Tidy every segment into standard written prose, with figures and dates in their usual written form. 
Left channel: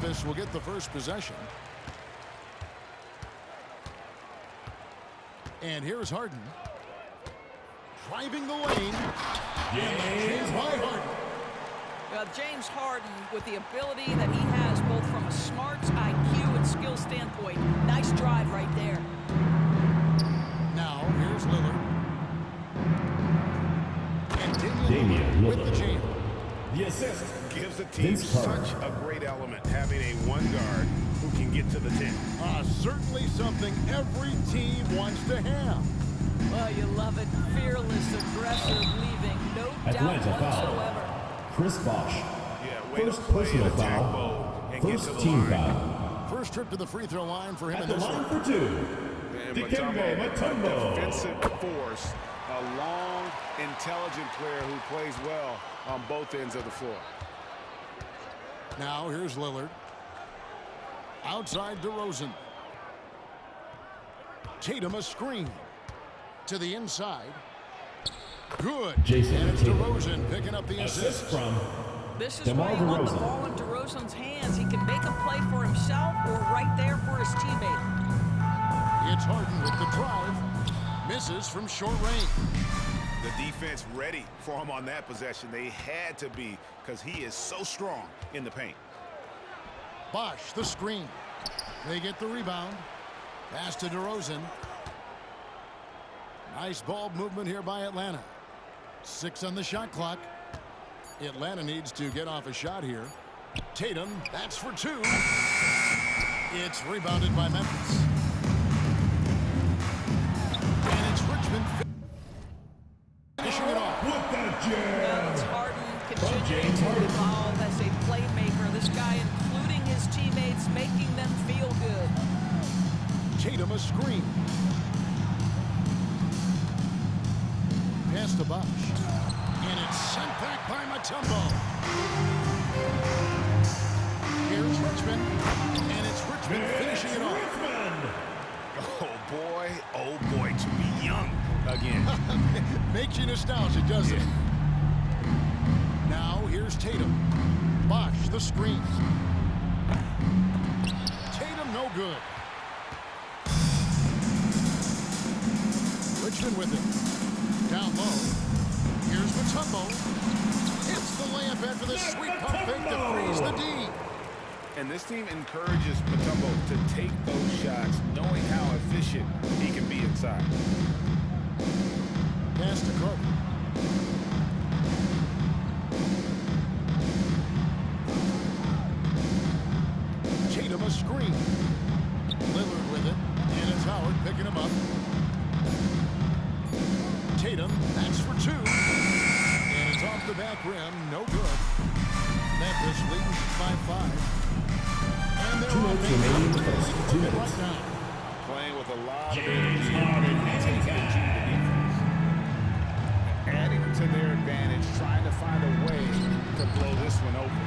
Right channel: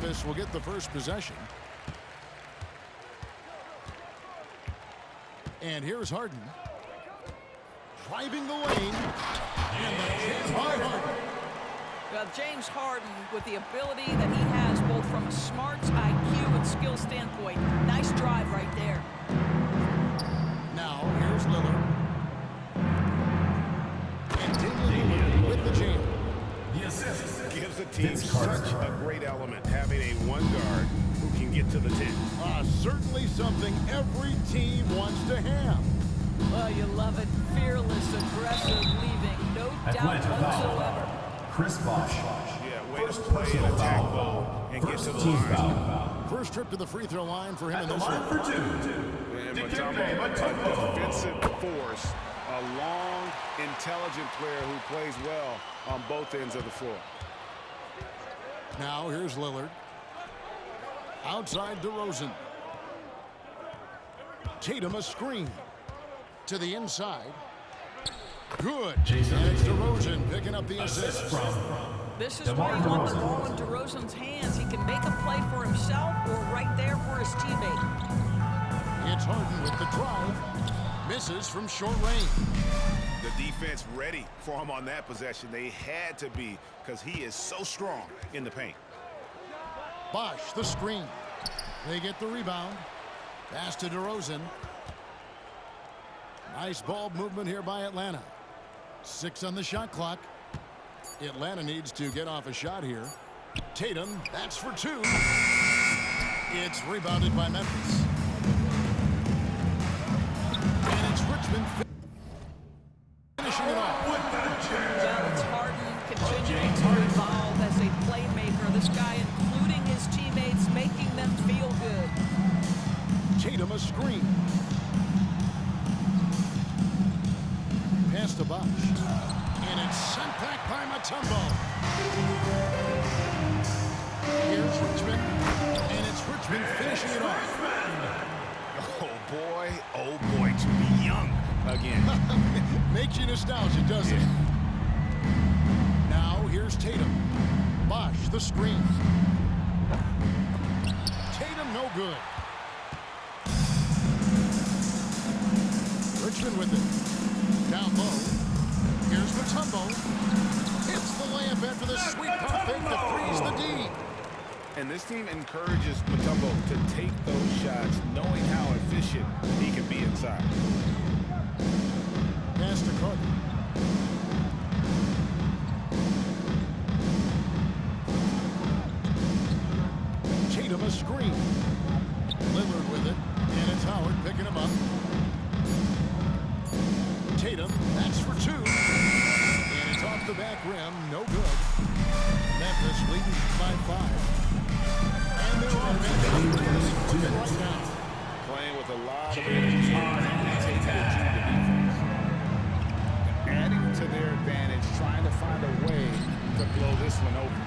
Memphis will get the first possession. And here's Harden. Driving the lane. And the jam by Harden. James Harden, with the ability that he has both from a smarts, IQ, and skill standpoint. Nice drive right there. Now, here's Lillard. And Damian Lillard with the jam. The assist gives the team such a great element, having a one guard who can get to the 10. Certainly something every team wants to have. Well, you love it. Fearless, aggressive, leaving. No doubt whatsoever. Chris Bosh. Yeah, way to play an attack mode and get to the line. Foul. First trip to the free throw line for him in At this the line one. for two. And Mutombo, a defensive force, a long, intelligent player who plays well on both ends of the floor. Now here's Lillard. Outside DeRozan. Tatum a screen. To the inside. Good. And it's DeRozan picking up the assist. From this is where you want the ball in DeRozan's hands. He can make a play for himself or right there for his teammate. It's Harden with the drive. Misses from short range. The defense ready for him on that possession. They had to be, because he is so strong in the paint. Bosh the screen. They get the rebound. Pass to DeRozan. Nice ball movement here by Atlanta. 6 on the shot clock. Atlanta needs to get off a shot here. Tatum, that's for 2. It's rebounded by Memphis. And it's Richmond finishing it off. Well, it's Harden continuing to evolve as a playmaker. This guy, including his teammates, making them feel good. Tatum a screen. Pass to Bosh. And it's sent back by Mutombo. Here's Richmond. And it's Richmond finishing it off. Oh boy, to be young again. Makes you nostalgic, doesn't it? Now here's Tatum. Bosh the screen. Tatum no good. Richmond with it. Down low. Here's Mutombo. Hits the layup after the sweet pump fake to freeze the D. And this team encourages Mutombo to take those shots, knowing how efficient he can be inside. Pass to Carter. Tatum a screen. Lillard with it. And it's Howard picking him up. Tatum, that's for 2. And it's off the back rim, no good. Memphis leading by 5. And their offense is really clicking right now. Playing with a lot of energy and taking it to the defense. Adding to their advantage, trying to find a way to blow this one open.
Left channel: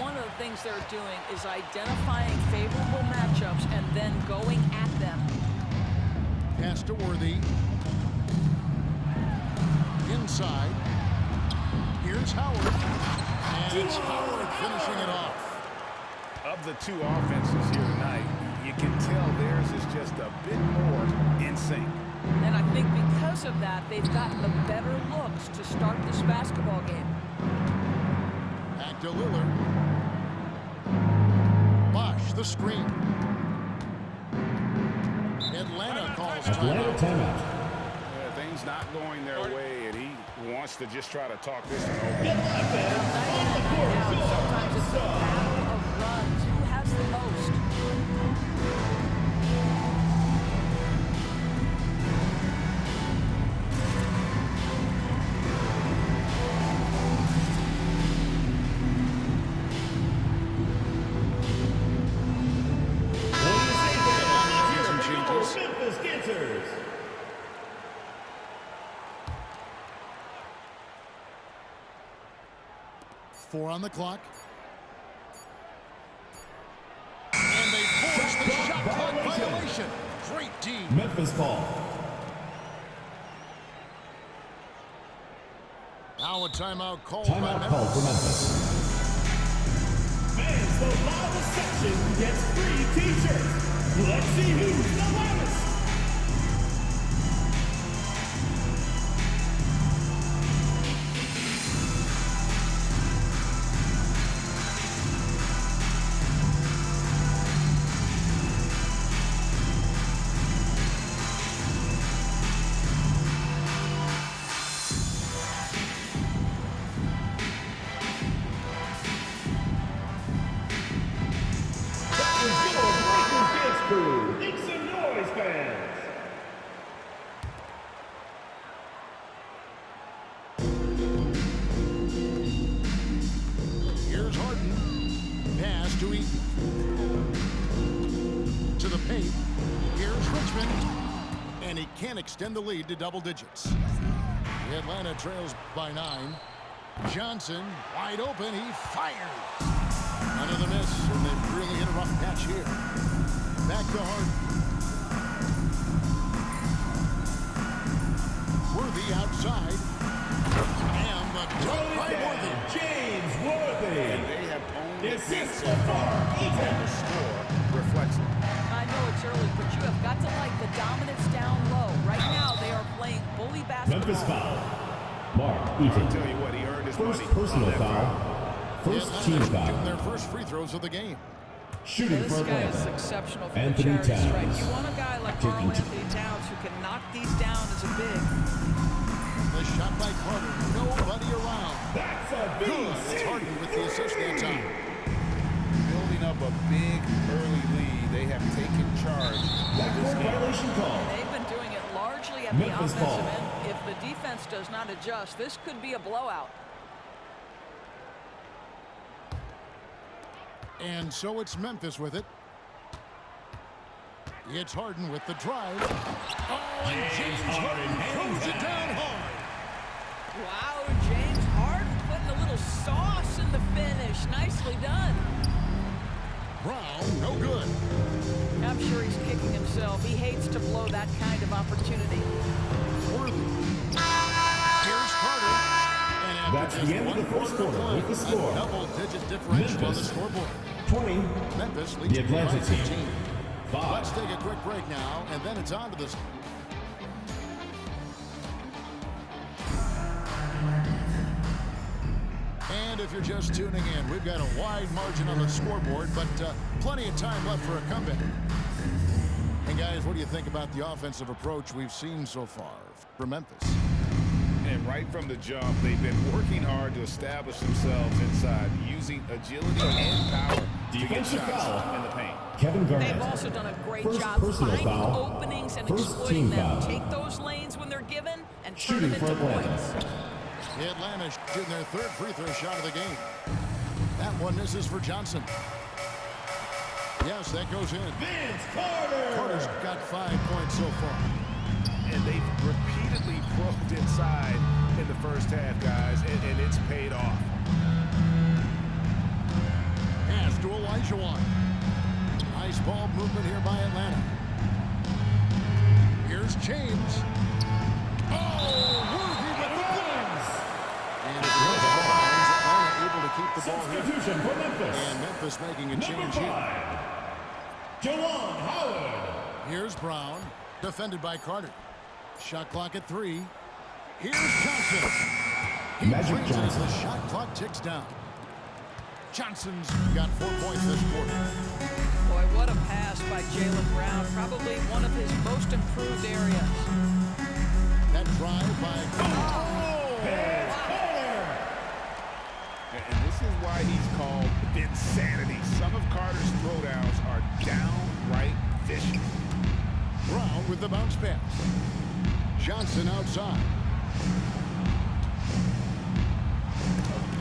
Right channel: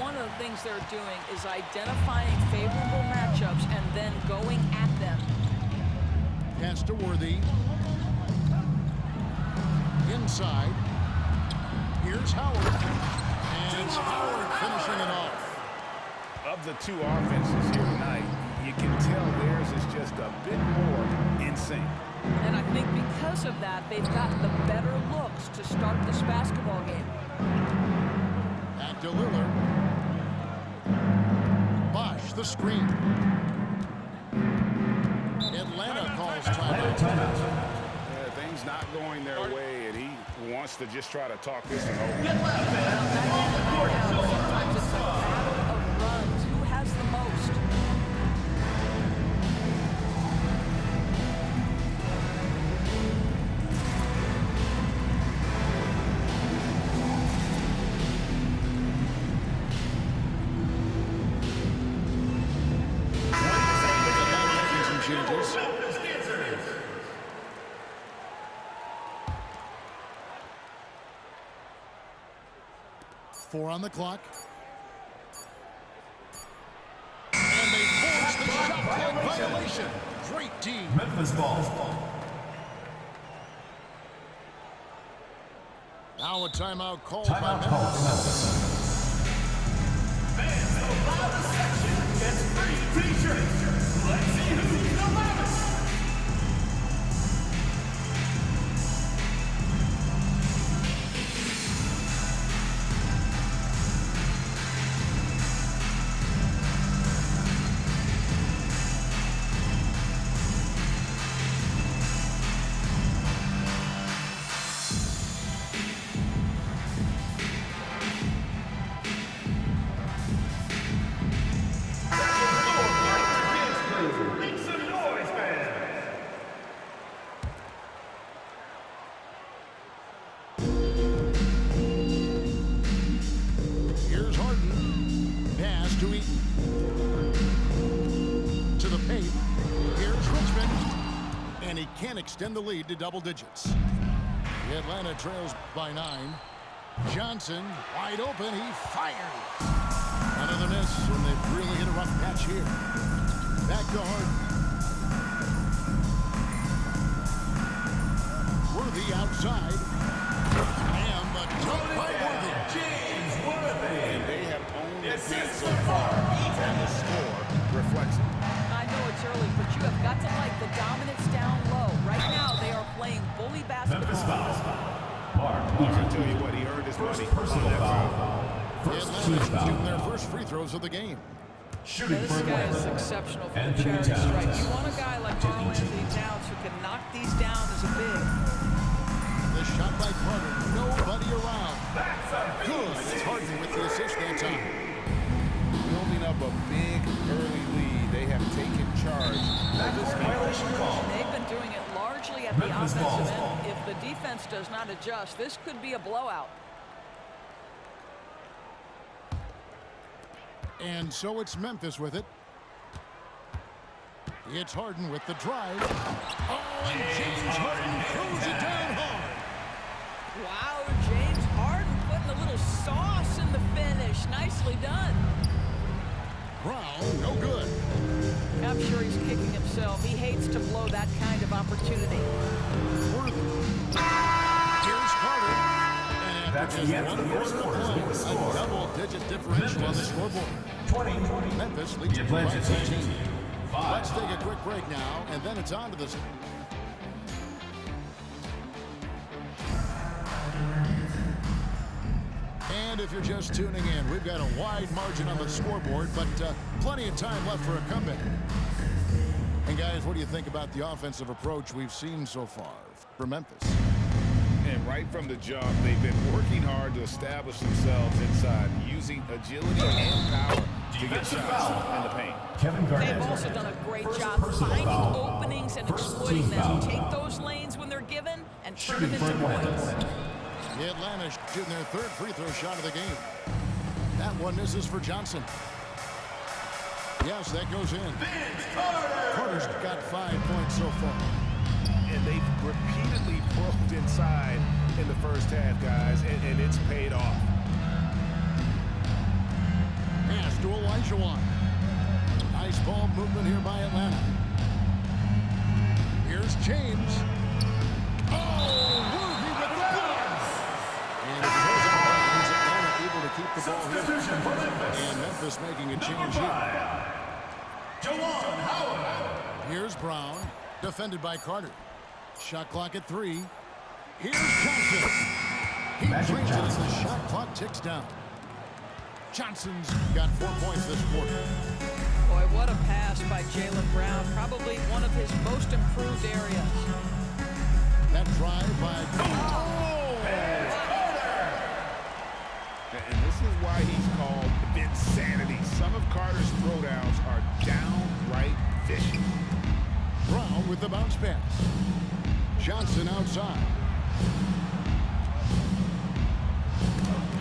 One of the things they're doing is identifying favorable matchups and then going at them. Pass to Worthy. Inside. Here's Howard. And it's Howard finishing it off. Of the two offenses here tonight, you can tell theirs is just a bit more in sync. And I think because of that, they've gotten the better looks to start this basketball game. Back to Lillard. Bosh the screen. Atlanta calls timeout. Things not going their way, and he wants to just try to talk this one over. Well, night in and night out, sometimes it's a battle of runs. Who has the most? Atlanta making some changes. 4 on the clock. And they force the shot clock violation. Great D. Memphis ball. Now a timeout called by Timeout called for Memphis. Fans, the loudest gets free t-shirts. Let's see who's the loudest. Make some noise, fans! Here's Harden. Pass to Eaton. To the paint. Here's Richmond. And he can't extend the lead to double digits. The Atlanta trails by 9. Johnson, wide open. He fires. Another miss, and they've really hit a rough patch here. Back to Harden. Worthy outside. And the dunk by Worthy. James Worthy. And they have owned the paint Assist so to far, Harden. and the score reflects it. I know it's early, but you have got to like the dominance down low. Right now, they are playing bully basketball. Memphis foul. Mark I'll Eaton. tell you what, he earned his First money personal on that foul. foul. First team Atlanta foul. shooting their first free throws of the game. Shooting This for guy is Atlanta. exceptional for Anthony the charity Towns. stripe. You want a guy like Taking Karl two. Anthony Towns who can knock these down as a big. The shot by Carter. Nobody around. That's a Good. It's Harden with the assist that time. Building up a big early lead, they have taken charge of this Backcourt game. violation call. And they've been doing it largely at Memphis the offensive ball. end. If the defense does not adjust, this could be a blowout. And so it's Memphis with it. It's Harden with the drive. Oh, and James Harden throws it down hard. Wow, James Harden putting a little sauce in the finish. Nicely done. Brown, no good. I'm sure he's kicking himself. He hates to blow that kind of opportunity. Worthy. Here's Carter. And after That's just the end of one the first quarter of quarter play, with the score. a double-digit differential on the Memphis. scoreboard. 20. Memphis leads The by Atlanta 15. team. 5. Let's take a quick break now, and then it's on to this. And if you're just tuning in, we've got a wide margin on the scoreboard, but plenty of time left for a comeback. And guys, what do you think about the offensive approach we've seen so far for Memphis? And right from the jump, they've been working hard to establish themselves inside, using agility and power to get Defensive shots foul. in the paint. Kevin Garnett. They've also done a great First job personal finding foul. openings and First exploiting team them. foul. Take those lanes when they're given and turn Shooting them for into Atlanta. points. The Atlanta shooting their third free throw shot of the game. That one misses for Johnson. Yes, that goes in. Vince Carter. Carter's got 5 points so far. And they've repeatedly probed inside in the first half, guys, and it's paid off. Pass to Elijah. Nice ball movement here by Atlanta. Here's James. Oh, Worthy with the blocks. And if it goes out of bounds, Atlanta able to keep the ball here. Substitution for Memphis. And Memphis making a Number change here. 5. Jawan Howard. Here's Brown, defended by Carter. Shot clock at 3. Here's Johnson. He Magic brings it as Johnson. the shot clock ticks down. Johnson's got 4 points this quarter. Boy, what a pass by Jaylen Brown. Probably one of his most improved areas. That drive by Vince Carter. And this is why he's called Vinsanity. Some of Carter's throwdowns are downright vicious. Brown with the bounce pass. Johnson outside.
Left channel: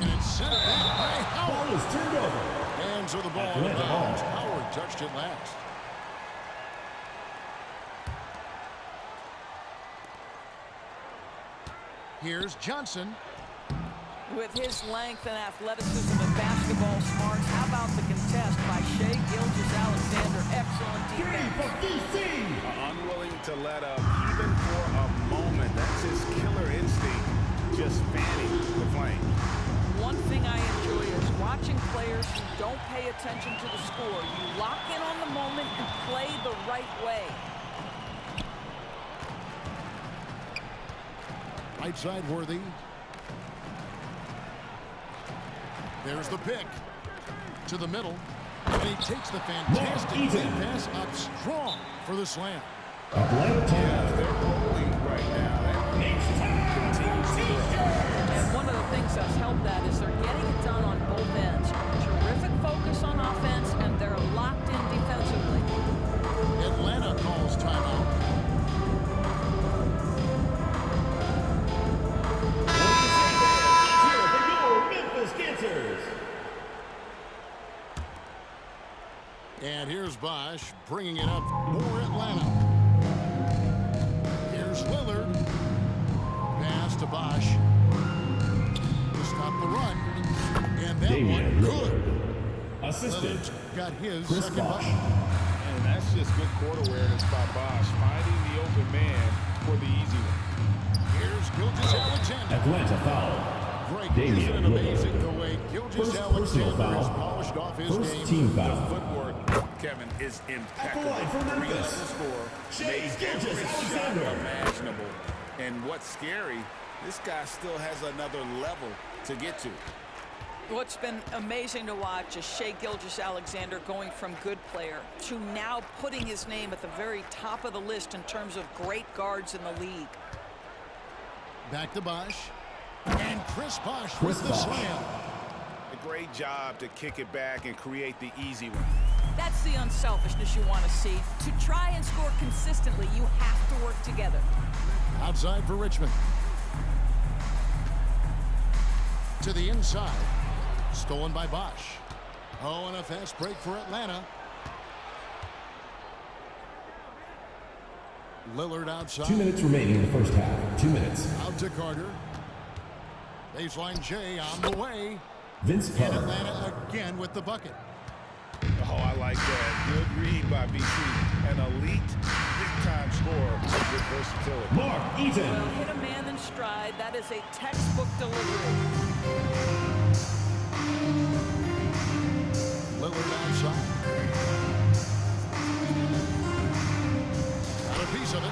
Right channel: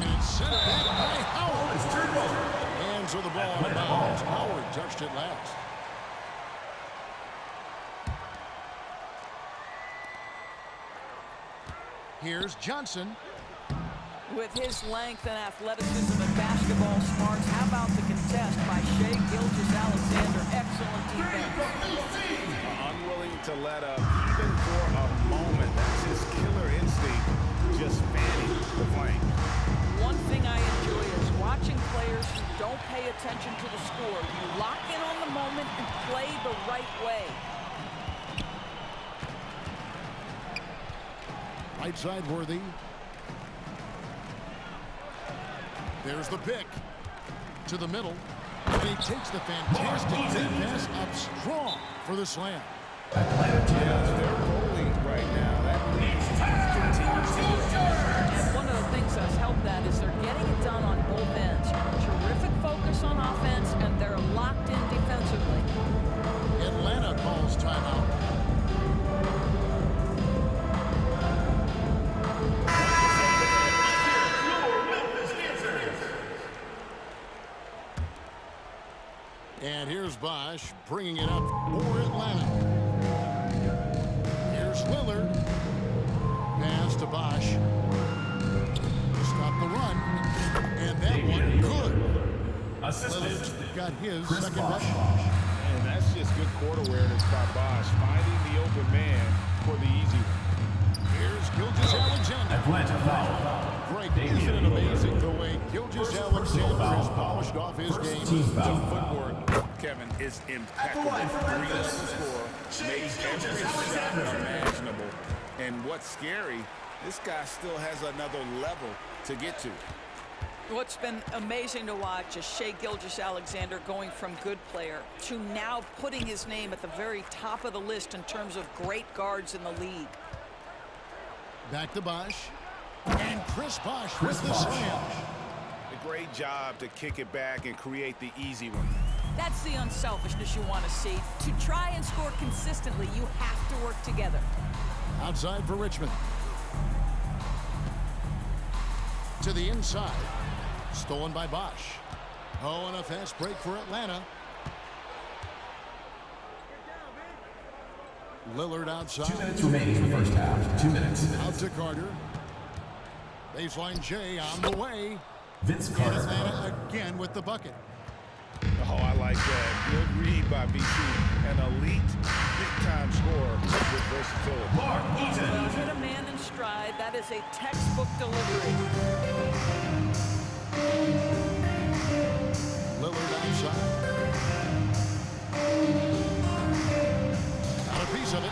And it's sent back by Howard. Ball is turned over. And so the ball out of Atlanta bounds. ball. Howard touched it last. Here's Johnson. With his length and athleticism and basketball smarts, how about the contest by Shai Gilgeous-Alexander? Excellent defense. For VC. Unwilling to let up even for a moment. That's his killer instinct, just fanning the flame. one thing I enjoy is watching players who don't pay attention to the score. You lock in on the moment and play the right way. Right side Worthy. There's the pick. To the middle. And he takes the fantastic lead pass up strong for the slam. Yeah, they're rolling right now. That lead continues to grow. And one of the things that's helped that is they're getting it done on both ends. Terrific focus on offense, and they're locked in defensively. Atlanta calls timeout. Here for your Memphis Dancers. And here's Bosch bringing it up for Atlanta. Here's Lillard. Pass to Bosch. To stop the run. And that one good. Lillard's got his second bucket. And that's just good court awareness by Bosch, finding the open man for the easy one. Here's Gilgeous-Alexander. Atlanta foul. Greg, isn't it amazing the way Gilgeous-Alexander has polished off his game? Team The foul. footwork, Kevin, is impeccable. Three-level score, makes every shot imaginable. And what's scary, this guy still has another level to get to. What's been amazing to watch is Shai Gilgeous-Alexander going from good player to now putting his name at the very top of the list in terms of great guards in the league. Back to Bosch. And Chris Bosch with the slam. A great job to kick it back and create the easy one. That's the unselfishness you want to see. To try and score consistently, you have to work together. Outside for Richmond. To the inside. Stolen by Bosch. Oh, and a fast break for Atlanta. Lillard outside. 2 minutes remaining in the first half. 2 minutes. Out to Carter. Baseline J on the way. Vince And Carter. Atlanta again with the bucket. Oh, I like that. Good read by VC. An elite, big-time scorer with versatility. Mark Eaton. Well, hit a man in stride. That is a textbook delivery. Lillard outside. Got a piece of it.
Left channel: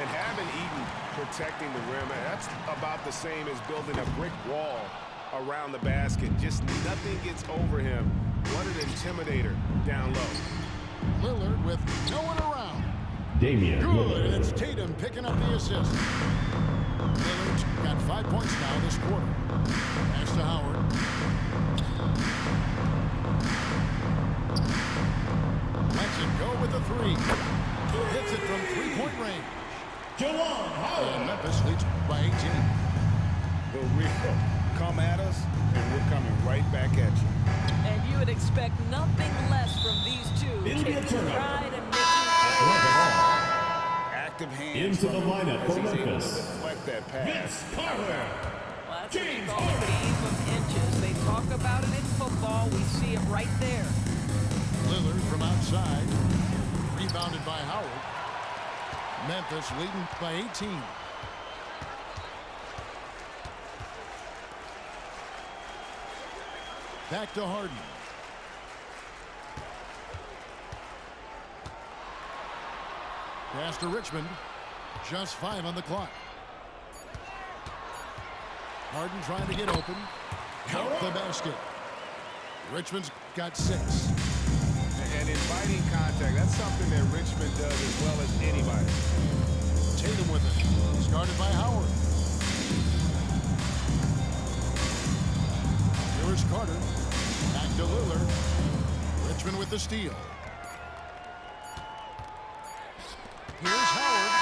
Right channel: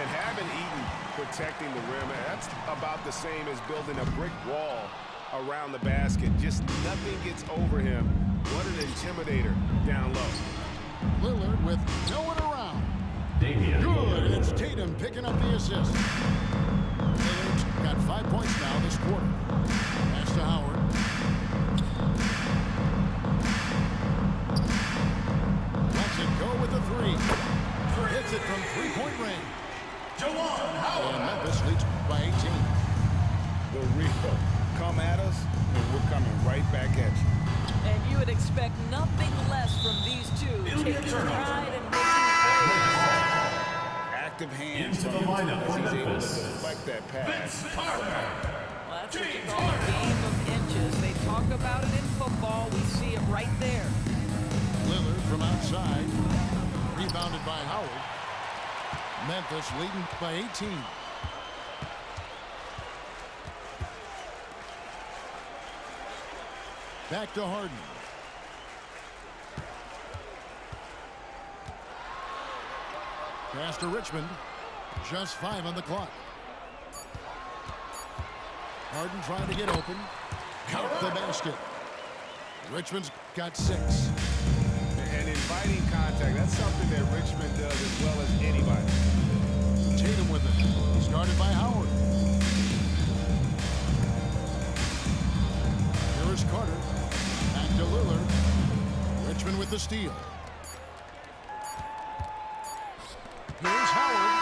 And having Eaton protecting the rim, that's about the same as building a brick wall around the basket. Just nothing gets over him. What an intimidator down low. Lillard with no one around. Damian. Good, and it's Tatum picking up the assist. Lillard's got 5 points now this quarter. Pass to Howard. Lets it go with the three. Hits it from three-point range. Jawan Howard. And Memphis leads by 18. The real. Come at us, and we're coming right back at you. And you would expect nothing less from these two, It'll be a taking turnover. pride and making plays. Active hands Into the from him lineup as for he's able to Memphis. deflect that pass. Vince Carter. Well, that's what you call a game of inches. They talk about it in football. We see it right there. Lillard from outside. Rebounded by Howard. Memphis leading by 18. Back to Harden. Pass to Richmond. Just 5 on the clock. Harden trying to get open. Count the basket. Richmond's got 6. And inviting contact, that's something that Richmond does as well as anybody. Tatum with it. He's guarded by Howard. Here is Carter. Back to Lillard. Richmond with the steal. Here's Howard.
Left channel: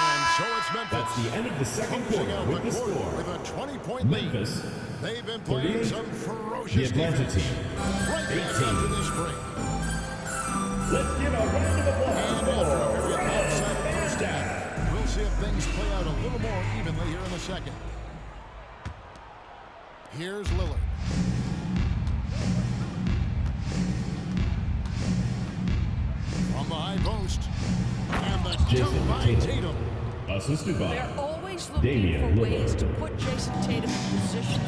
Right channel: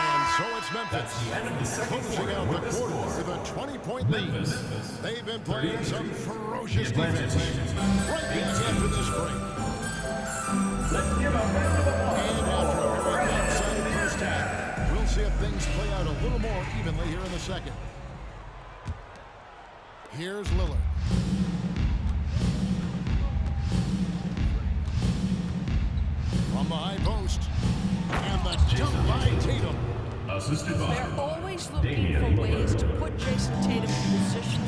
And so it's Memphis. That's the end of the second Closing quarter out with the the quarter score. with a 20-point lead. Memphis. They've been playing 38. some ferocious The Atlanta defense. team. Right back 18. after this break. Let's give a round of applause. And after a very lopsided first half, we'll see if things play out a little more evenly here in the second. Here's Lillard. From the high post. And the Jason dunk by Tatum. Assisted by They're always looking Damian for Lillard. ways to put Jason Tatum in position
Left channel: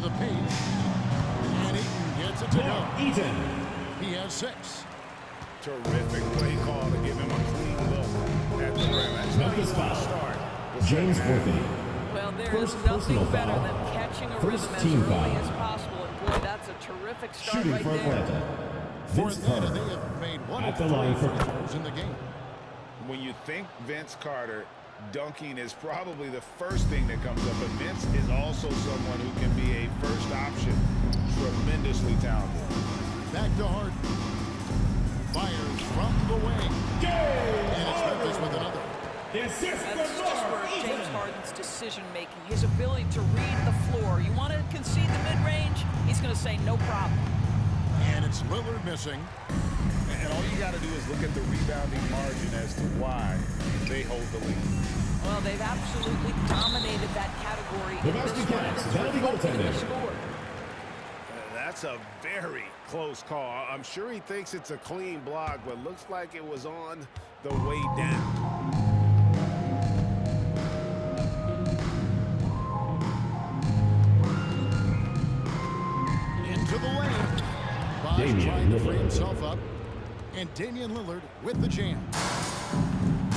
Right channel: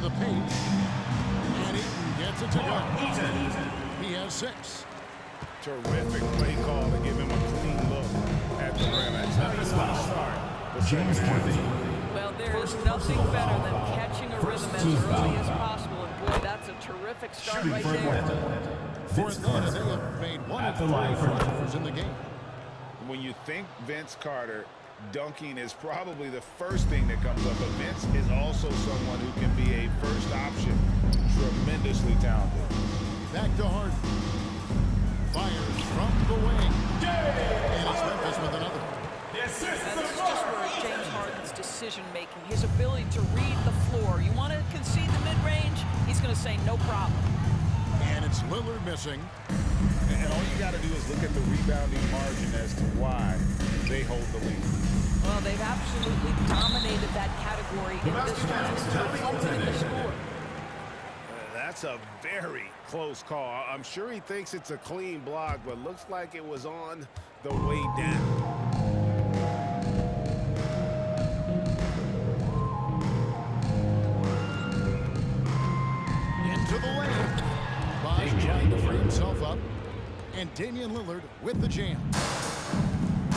to the paint. And Eaton gets it to go. Eaton. He has 6. Terrific play call to give him a clean look at the rim. That's how he's going to start the James second half. Worthy. Well, there is First nothing personal better foul. than catching a First rhythm as team early foul. as possible. And boy, that's a terrific start Shooting right for there. Atlanta. For Vince Atlanta, Carter. they have made 1 At of the 3 line for- free throws in the game. When you think Vince Carter, dunking is probably the first thing that comes up, but Vince is also someone who can be a first option. Tremendously talented. Back to Harden. Fires from the wing. And it's Memphis with another. The assist Now, from this is just Mark where Eaton. James Harden's decision-making, his ability to read the floor. You want to concede the mid-range? He's going to say no problem. And it's Lillard missing. And all you got to do is look at the rebounding margin as to why they hold the lead. Well, they've absolutely dominated that category in this one, and it's reflected in the score. That's a very close call. I'm sure he thinks it's a clean block, but looks like it was on the way down. Into the lane. Bosh Damian trying to Lillard. free himself up. And Damian Lillard with the jam.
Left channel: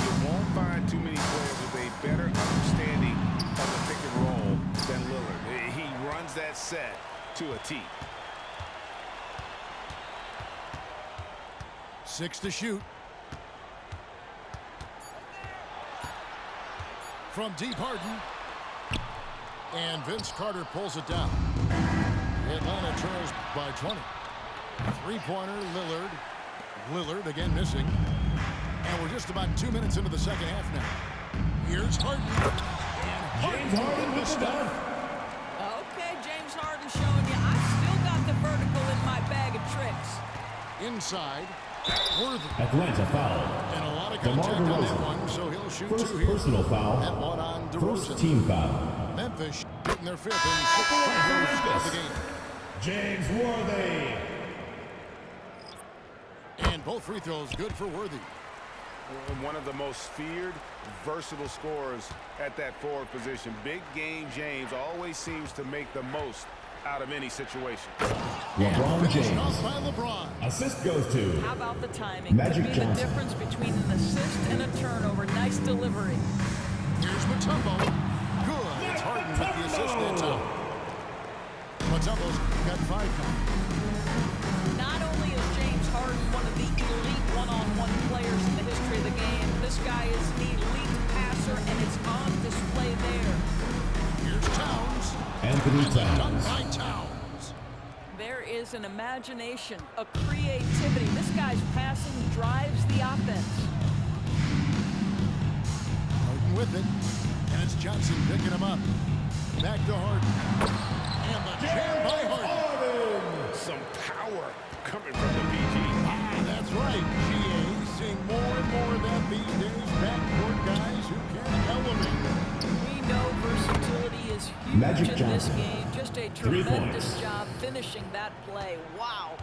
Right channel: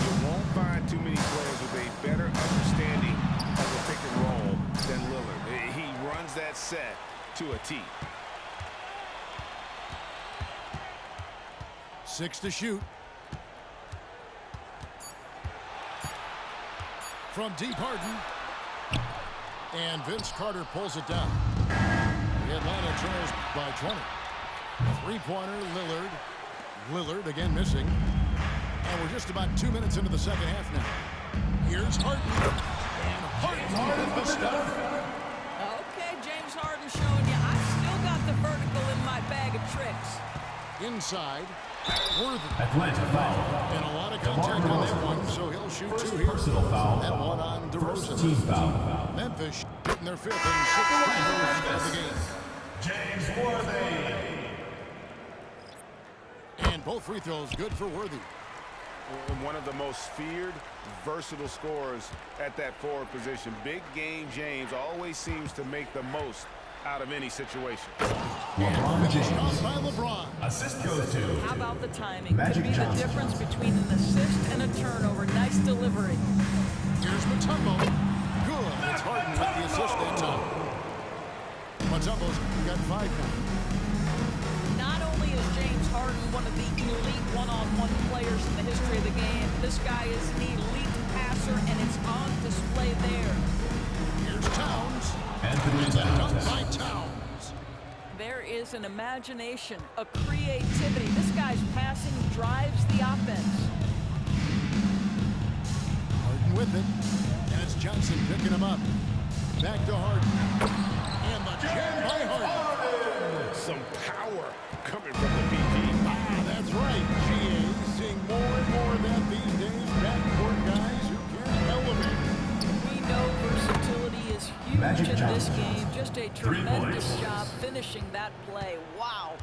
You won't find too many players with a better understanding of the pick and roll than Lillard. He runs that set to a T. 6 to shoot. From deep, Harden. And Vince Carter pulls it down. Atlanta trails by 20. Three-pointer, Lillard. Lillard again missing. And we're just about 2 minutes into the second half now. Here's Harden. And Harden with the stuff. Okay, James Harden showing you, I still got the vertical in my bag of tricks. Inside. Worthy. Atlanta foul. And a lot of DeMar contact on that DeRozan. one, so he'll shoot First 2 here. personal foul. That one on First DeRozan. team foul. Memphis getting their 5th and 6th free throws of the game. James Worthy. And both free throws good for Worthy. One of the most feared, versatile scorers at that forward position. Big game James always seems to make the most out of any situation. LeBron Finished off James. by LeBron. Assist goes to How about the timing? Magic Could be Johnson. the difference between an assist and a turnover. Nice delivery. Here's Mutombo. Good. It's Harden with the assist that time. Mutombo's got 5 now. Not only is James Harden one of the elite one-on-one players in the history of the game, this guy is an elite passer, and it's on display there. Here's Towns. Anthony And the dunk Towns. by Towns. There is an imagination, a creativity. This guy's passing drives the offense. Harden with it. And it's Johnson picking him up. Back to Harden. And the jam by Harden. Some power coming from the PG. Ah, that's right. GA seeing more and more of that these days. Backcourt guys who can elevate. We know versatility is huge Magic in this Johnson. game. Just a 3 tremendous points. job finishing that play. Wow.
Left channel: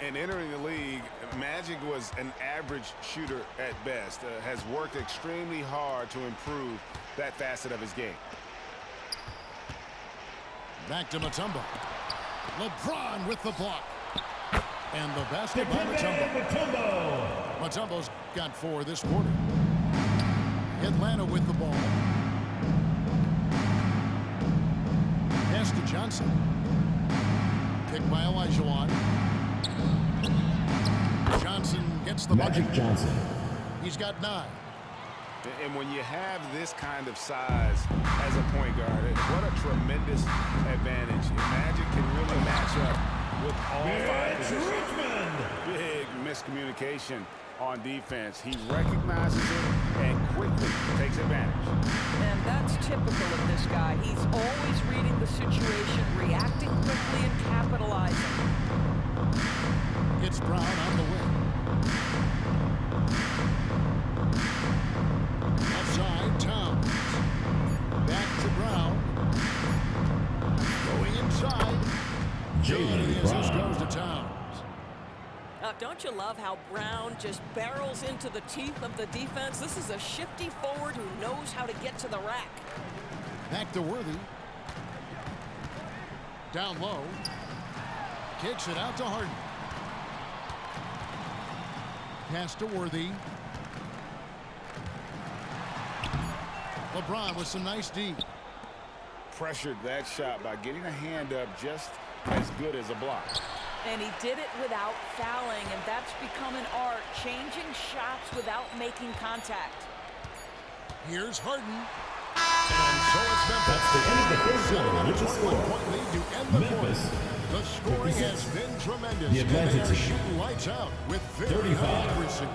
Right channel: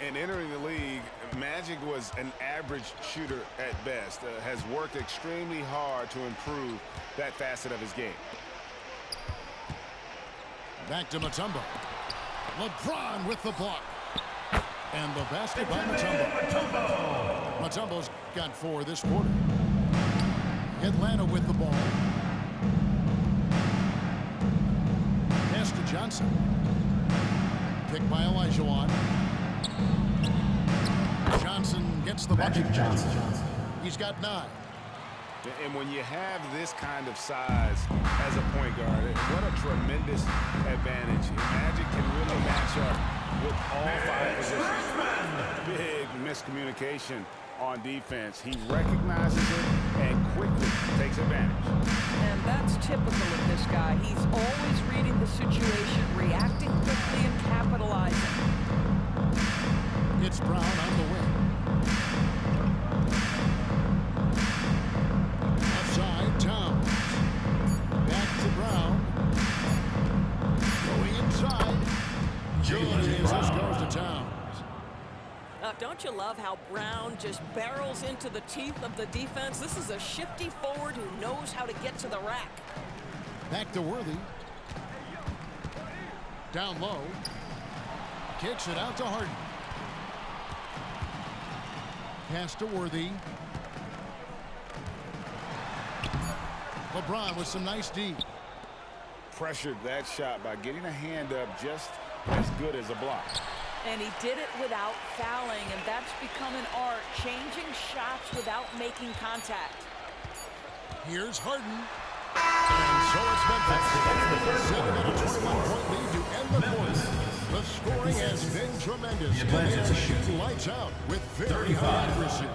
And entering the league, Magic was an average shooter at best. Has worked extremely hard to improve that facet of his game. Back to Mutombo. LeBron with the block. And the basket by Mutombo. Mutombo's got 4 this quarter. Atlanta with the ball. Pass to Johnson. Picked by Olajuwon. Johnson gets the bucket. Magic Johnson. He's got 9. And when you have this kind of size as a point guard, what a tremendous advantage. Magic can really match up with all 5 positions. Big miscommunication on defense. He recognizes it and quickly takes advantage. And that's typical of this guy. He's always reading the situation, reacting quickly, and capitalizing. It's Brown on the wing. Offside, Towns. Back to Brown. Going inside. Good, and the assist goes to Towns. Don't you love how Brown just barrels into the teeth of the defense? This is a shifty forward who knows how to get to the rack. Back to Worthy. Down low. Kicks it out to Harden. Pass to Worthy. LeBron with some nice D. Pressured that shot by getting a hand up just as good as a block. And he did it without fouling, and that's become an art, changing shots without making contact. Here's Harden. And so it's Memphis. Setting up a 21-point lead to end the quarter. The scoring has been tremendous, and they are shooting lights out with very high accuracy.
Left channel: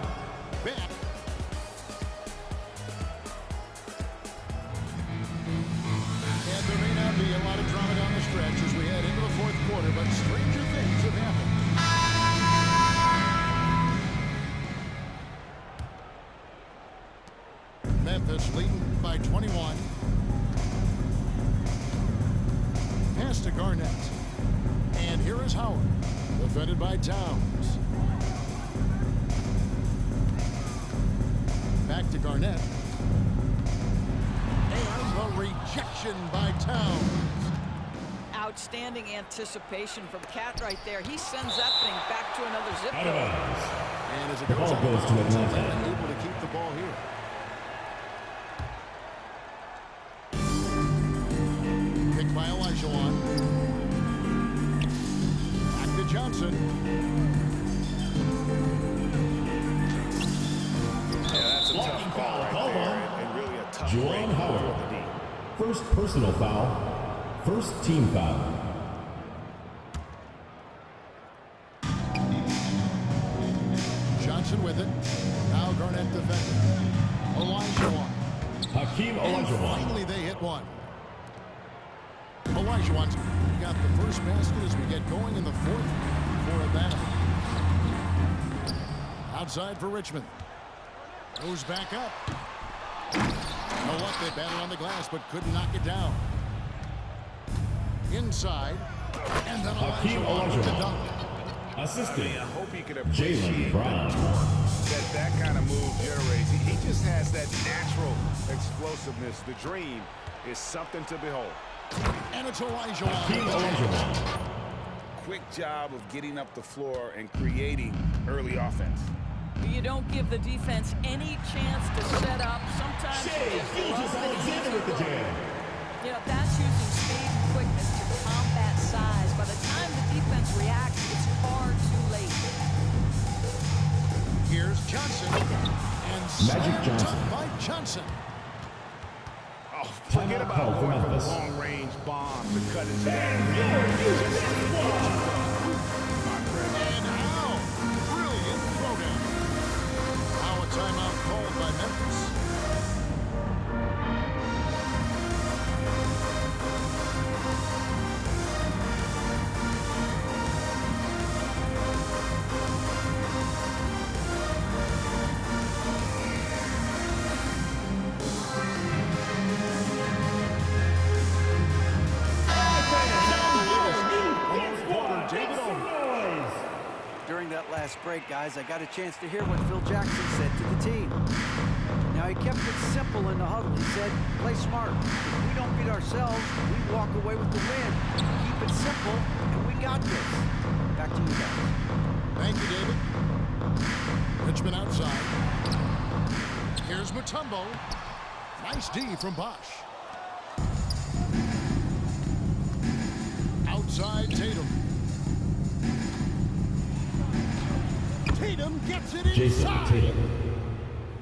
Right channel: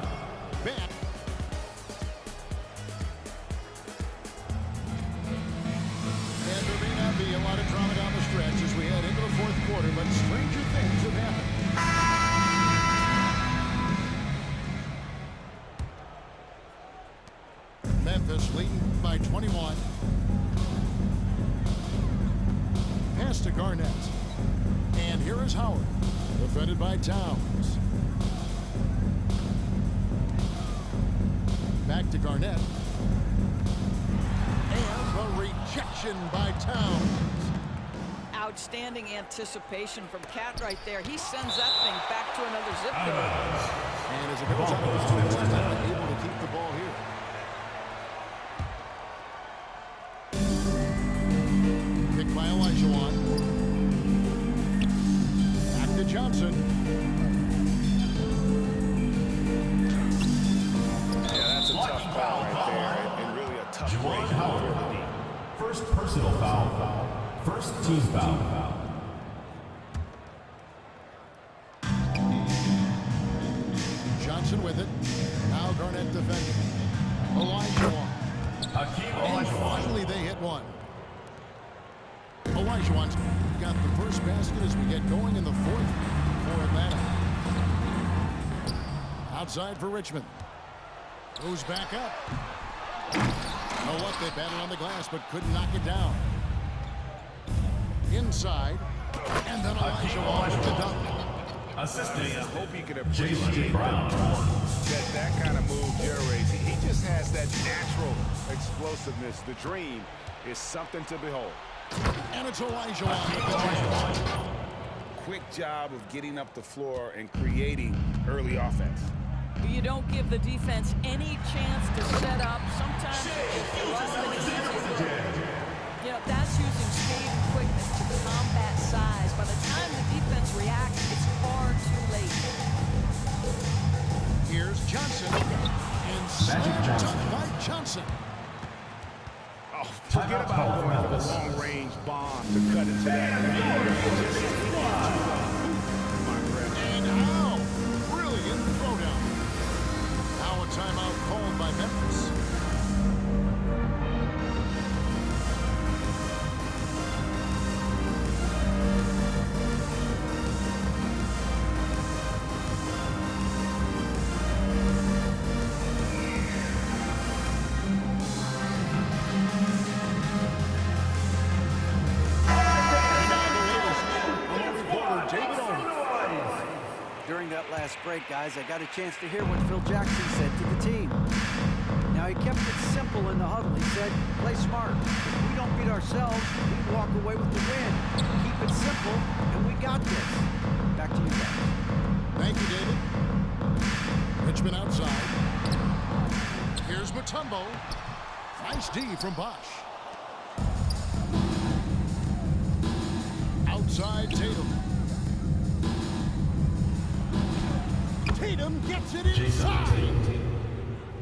Back. And there may not be a lot of drama down the stretch as we head into the fourth quarter, but stranger things have happened. Memphis leading by 21. Pass to Garnett. And here is Howard. Defended by Towns. Back to Garnett. And the rejection by Towns. Outstanding anticipation from Cat right there. He sends that thing back to another zip code. And as it goes out of bounds, Atlanta able to keep the ball here. Picked by Olajuwon. Back to Johnson. Yeah, that's a tough call right there, and really a tough break for the D. First personal foul. First team foul. Johnson with it. Now Garnett defending. Olajuwon. Hakeem And Olajuwon. finally they hit one. Olajuwon's got the first basket as we get going in the fourth for Atlanta. Outside for Richmond. Goes back up. You know what? They battled on the glass but couldn't knock it down. Inside. And then Olajuwon with the dunk. Assisting. I hope you can appreciate the Brown. torque that kind of move generates. He just has that natural explosiveness. The dream is something to behold. And it's Olajuwon with the dunk. Quick job of getting up the floor and creating early offense. You don't give the defense any chance to set up. Sometimes you just love an easy look. You know, that's using speed and quickness to combat size. By the time the defense reacts, it's far too late. Here's Johnson. And slam dunk by Johnson. Oh, forget about going for the long-range bomb to cut into that. Just get to the hoop, my friend. And how? Brilliant throwdown. Now a timeout called by Memphis. During that last break, guys, I got a chance to hear what Phil Jackson said to the team. Now, he kept it simple in the huddle. He said, play smart. If we don't beat ourselves, we walk away with the win. Keep it simple, and we got this. Back to you guys. Thank you, David. Richmond outside. Here's Mutombo. Nice D from Bosch. Outside Tatum. Tatum gets it inside.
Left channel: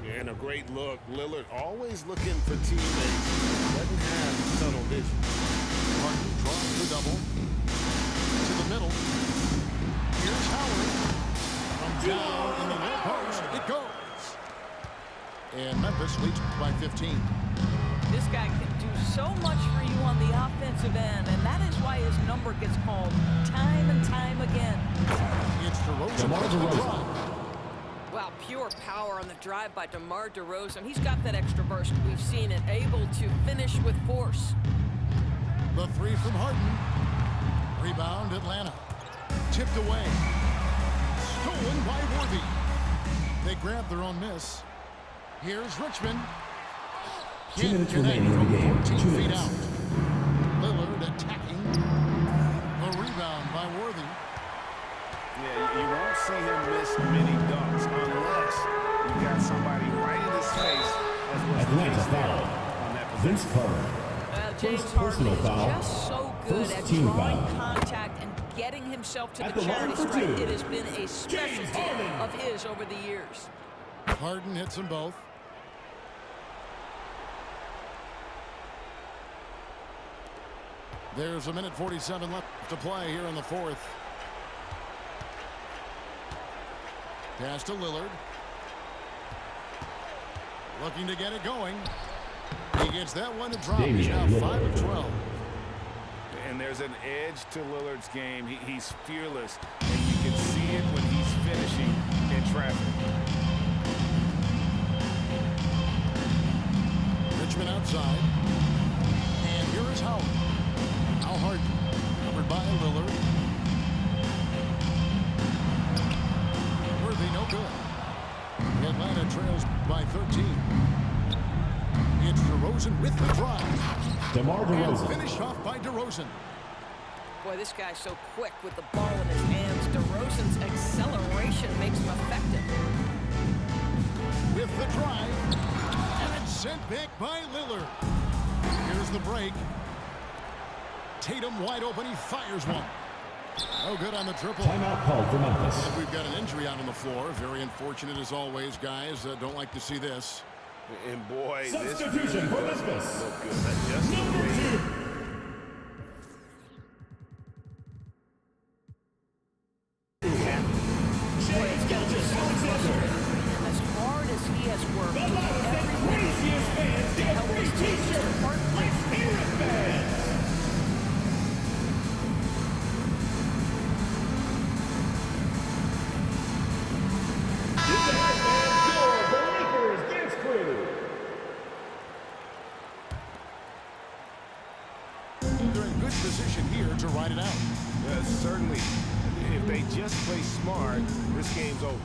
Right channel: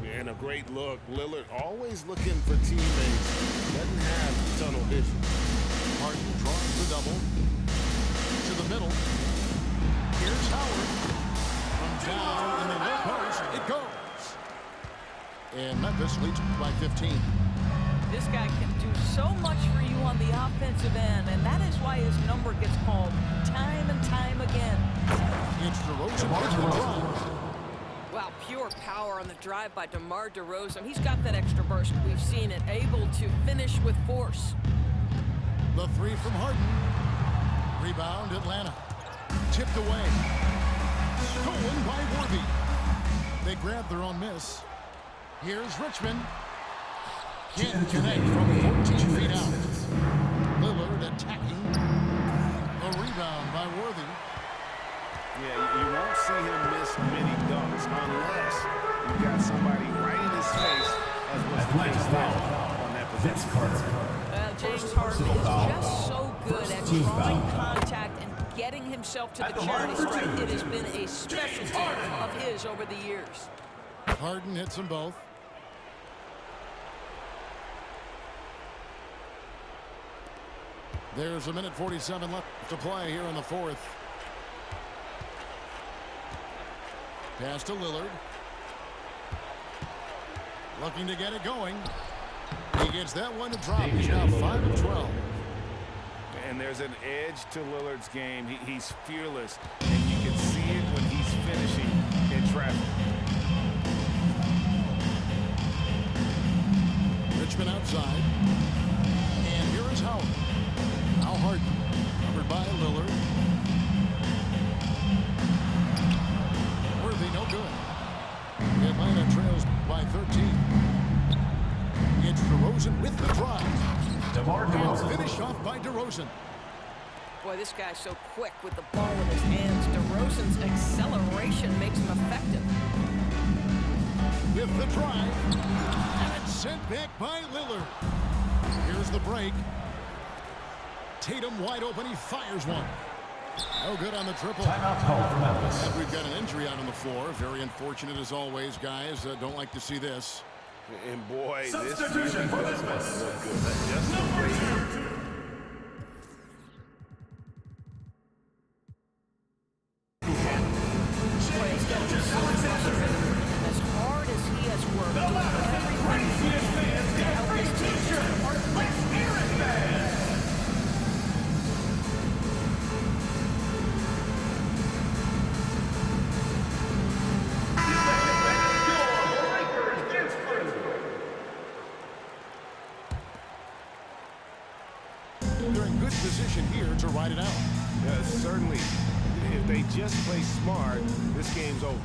And a great look. Lillard always looking for teammates. Doesn't have tunnel vision. Harden draws the double. To the middle. Here's Howard. From down in the low post, it goes. And Memphis leads by 15. This guy can do so much for you on the offensive end, and that is why his number gets called time and time again. It's DeRozan with the drive. Wow, pure power on the drive by DeMar DeRozan. He's got that extra burst. We've seen it, able to finish with force. The three from Harden. Rebound Atlanta. Tipped away. Stolen by Worthy. They grab their own miss. Here's Richmond. Can't connect from 14 feet out. Lillard attacking. by Worthy. Yeah, you won't see him miss many dunks unless you've got somebody right in his face, as was the case there on that possession. James Harden is just so good at drawing contact and getting himself to the charity stripe. It has been a specialty of his over the years. Harden hits them both. There's a minute 47 left to play here in the fourth. Pass to Lillard. Looking to get it going. He gets that one to drop. He's now 5 of 12. And there's an edge to Lillard's game. He's fearless, and you can see it when he's finishing in traffic. Richmond outside. And here is Howard. Now Harden. Covered by Lillard. Worthy, no good. Atlanta trails by 13. It's DeRozan with the drive. DeMar DeRozan. And finished off by DeRozan. Boy, this guy's so quick with the ball in his hands. DeRozan's acceleration makes him effective. With the drive. And it's sent back by Lillard. Here's the break. Tatum wide open. He fires one. No good on the triple. Timeout called for Memphis. And we've got an injury out on the floor. Very unfortunate as always, guys. Don't like to see this. And boy, this Substitution really for doesn't Memphis. look good. That's just the way Boy, it's got to be so frustrating for him. As hard as he has worked, doing everything he can to help his team, just heartbreaking. They're in good position here to ride it out. certainly, if they just play smart, this game's over.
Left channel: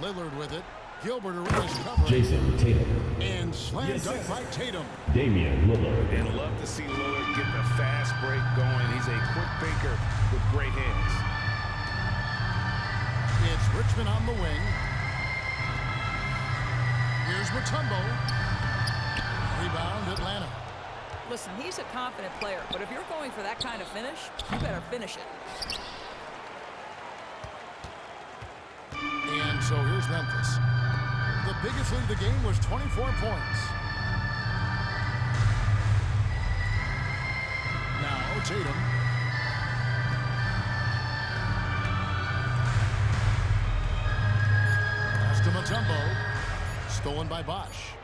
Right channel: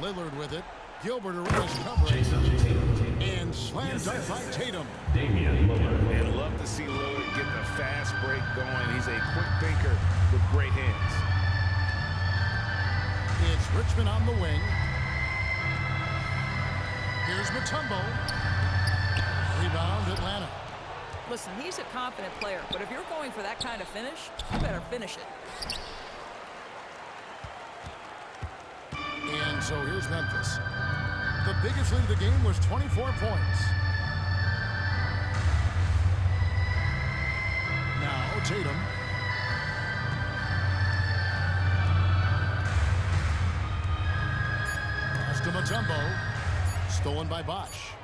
Lillard with it. Gilbert Arenas covering. Jason Tatum. And slam dunk by Tatum. Damian Lillard. And love to see Lillard get the fast break going. He's a quick thinker with great hands. It's Richmond on the wing. Here's Mutombo. Rebound, Atlanta. Listen, he's a confident player, but if you're going for that kind of finish, you better finish it. And so here's Memphis. The biggest lead of the game was 24 points. Now Tatum. Pass to Mutombo. Stolen by Bosch.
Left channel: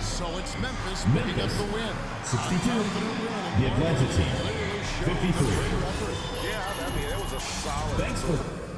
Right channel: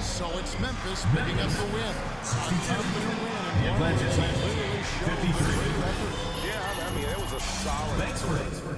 So it's Memphis picking up the win. 62. A confident win and The one Atlanta where they team. clearly showed 53. the greater effort. Yeah, I mean, it was a solid. Thanks for